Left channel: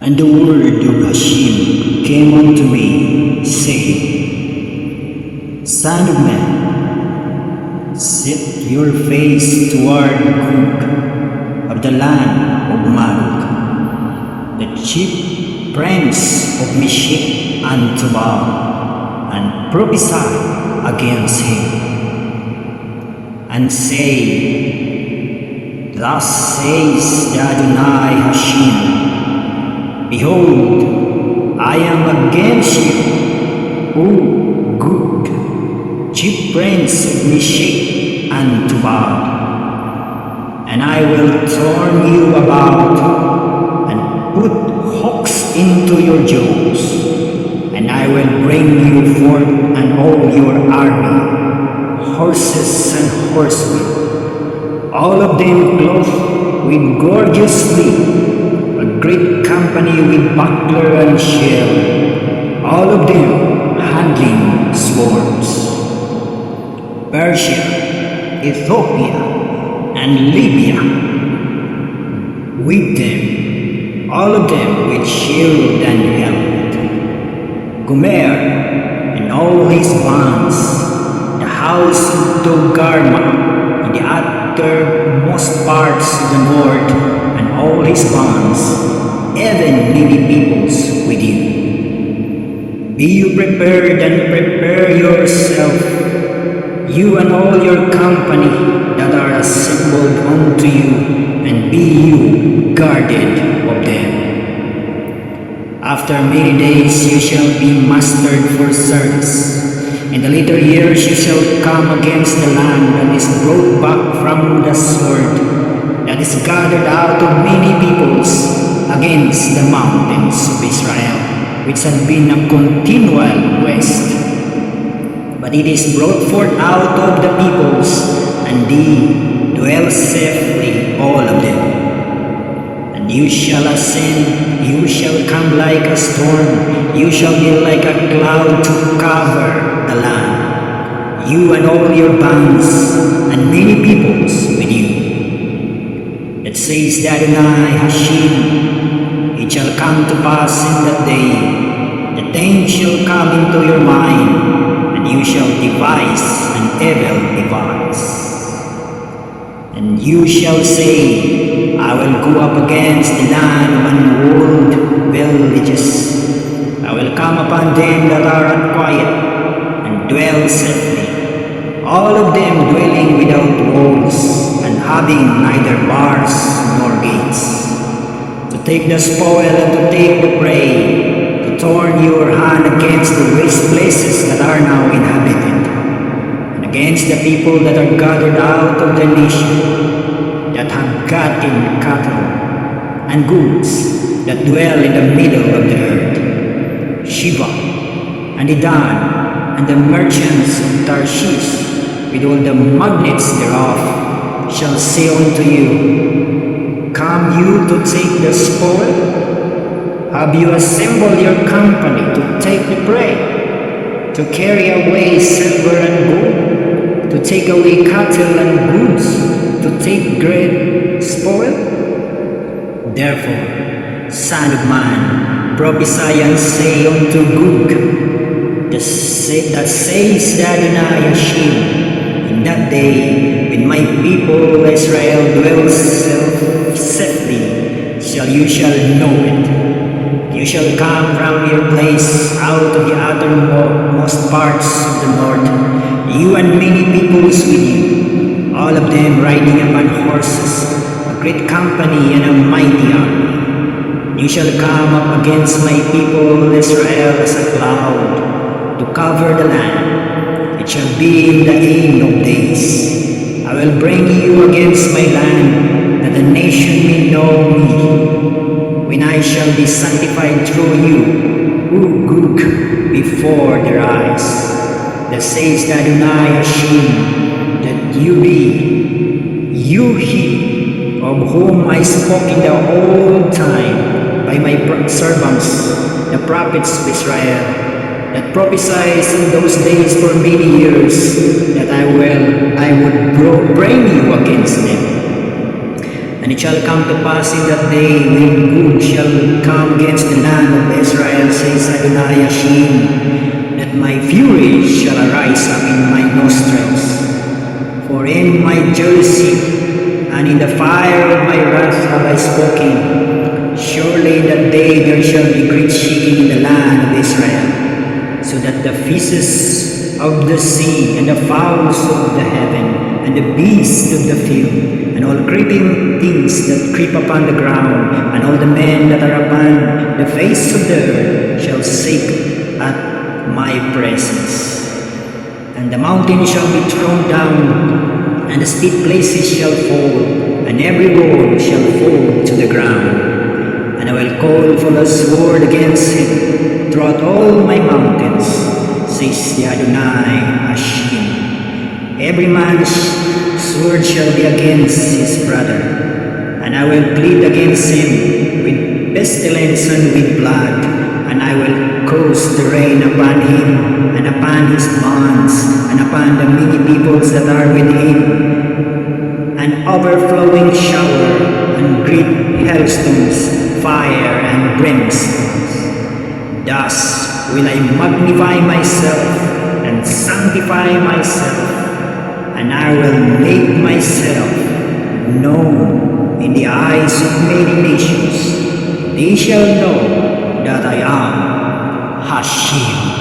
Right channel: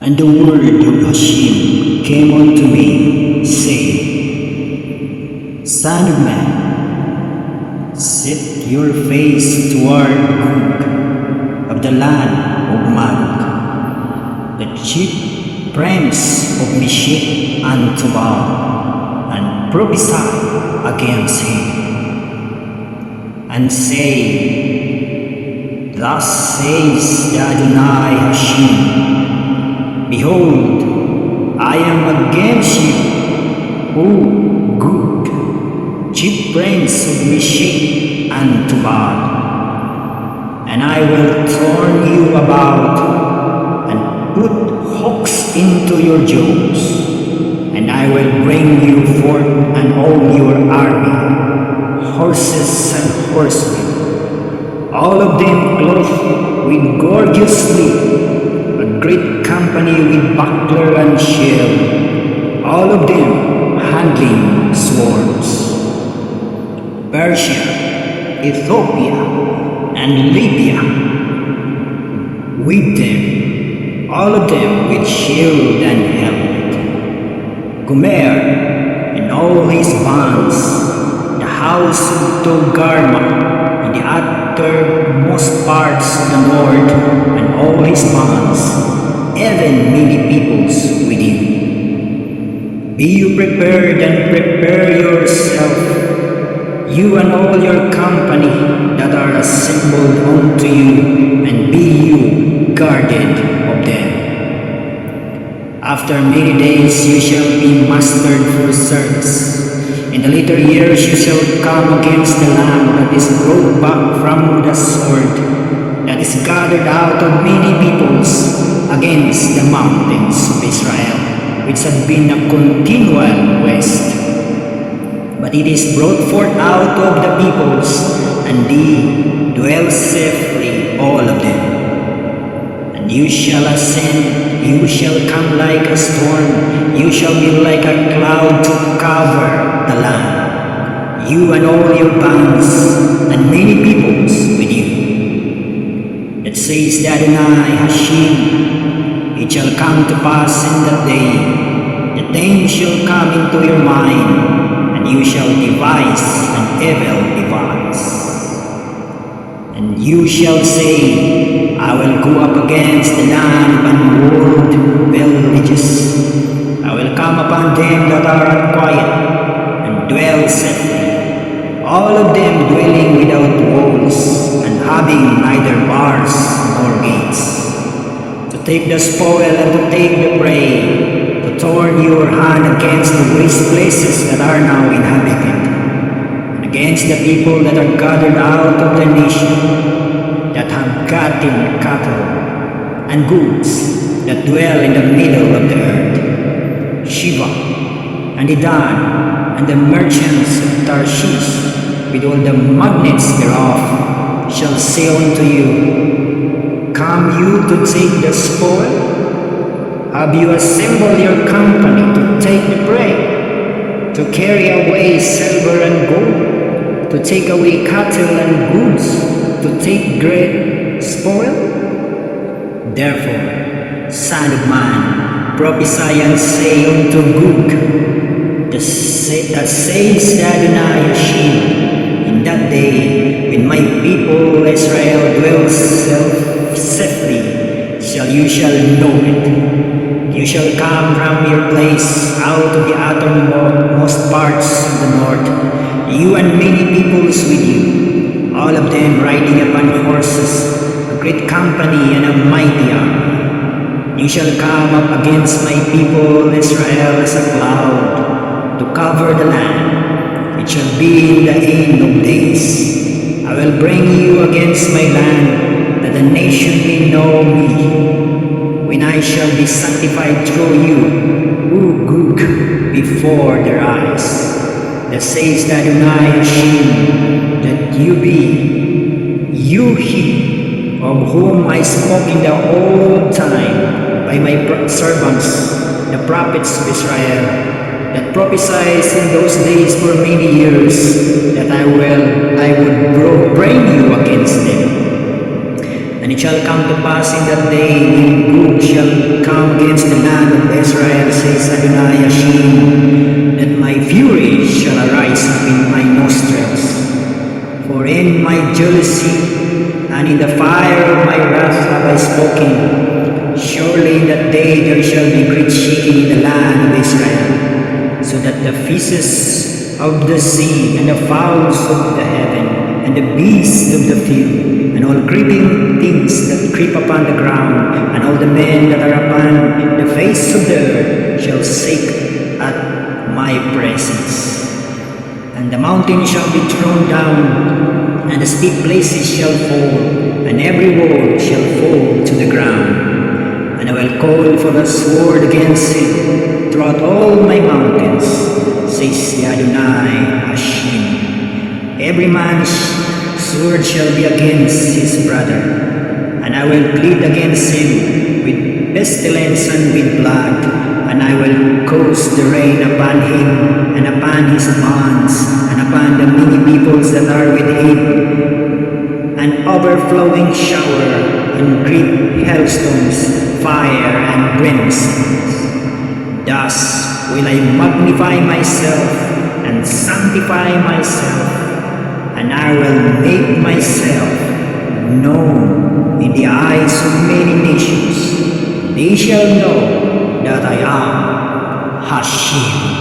And the word of Hashem came unto me, saying, Son of man, set your face toward Gog of the land of Magog, the chief prince of Meshech and Tubal, and prophesy against him, and say, Thus says the Adonai Hashem, Behold, I am against you, O Gog, chief prince of Meshech and Tubal, and I will turn you about and put hooks into your jaws, and I will bring you forth and all your army, horses and horsemen, all of them clothed with gorgeously, a great company with buckler and shield, all of them handling swords. Persia, Ethiopia, and Libya, with them, all of them with shield and helmet. Gomer and all his bands, the house of Togarma, in the uttermost parts of the north, and all his bands, even many peoples with you. Be you prepared and prepare yourself, you and all your company that are assembled unto you, and be you guarded of them. After many days you shall be mustered for service. In the later years you shall come against the land that is brought back from the sword, that is gathered out of many peoples, against the mountains of Israel, which had been a continual waste. But it is brought forth out of the peoples, and they dwell safely, all of them. And you shall ascend, you shall come like a storm, you shall be like a cloud to cover the land, you and all your bands, and many peoples with you. That says the Adonai Hashem, it shall come to pass in that day, the things shall come into your mind, and you shall devise an evil device. And you shall say, I will go up against the land of unwalled villages. I will come upon them that are at quiet, and dwell safely, all of them dwelling without walls, and having neither bars nor gates, to take the spoil and to take the prey, to turn your hand against the waste places that are now inhabited, and against the people that are gathered out of the nation, that have gotten cattle and goods, that dwell in the middle of the earth. Sheba and Dedan and the merchants of Tarshish, with all the magnates thereof, shall say unto you, Come you to take the spoil? Have you assembled your company to take the prey, to carry away silver and gold, to take away cattle and goods, to take great spoil? Therefore, Son of man, prophesy and say unto Gog, that says the Adonai Hashem, in that day, when my people Israel dwells safely, you shall know it. You shall come from your place out of the uttermost parts of the north, you and many peoples with you, all of them riding upon horses, a great company and a mighty army. You shall come up against my people Israel as a cloud, to cover the land. It shall be in the end of days. I will bring you against my land, that the nation may know me, when I shall be sanctified through you, O Gog, before their eyes. That says the Adonai Hashem, that you be, you he, of whom I spoke in the old time by my servants, the prophets of Israel, that prophesies in those days for many years, that I would bring you against them. And it shall come to pass in that day, when good shall come against the land of Israel, says Adonai Hashem, that my fury shall arise up in my nostrils. For in my jealousy and in the fire of my wrath have I spoken. Surely in that day there shall be great shaking in the land of Israel, so that the fishes of the sea and the fowls of the heaven and the beasts of the field and all creeping things that creep upon the ground, and all the men that are upon the face of the earth shall shake at my presence. And the mountains shall be thrown down, and the steep places shall fall, and every wall shall fall to the ground. And I will call for the sword against him throughout all my mountains, says the Adonai Hashem. Every man's sword shall be against his brother, and I will plead against him with pestilence and with blood, and I will cause the rain upon him, and upon his bonds, and upon the many peoples that are with him, an overflowing shower, and great hailstones, fire and brimstones. Thus will I magnify myself and sanctify myself, and I will make myself known in the eyes of many nations. They shall know that I am Hashem.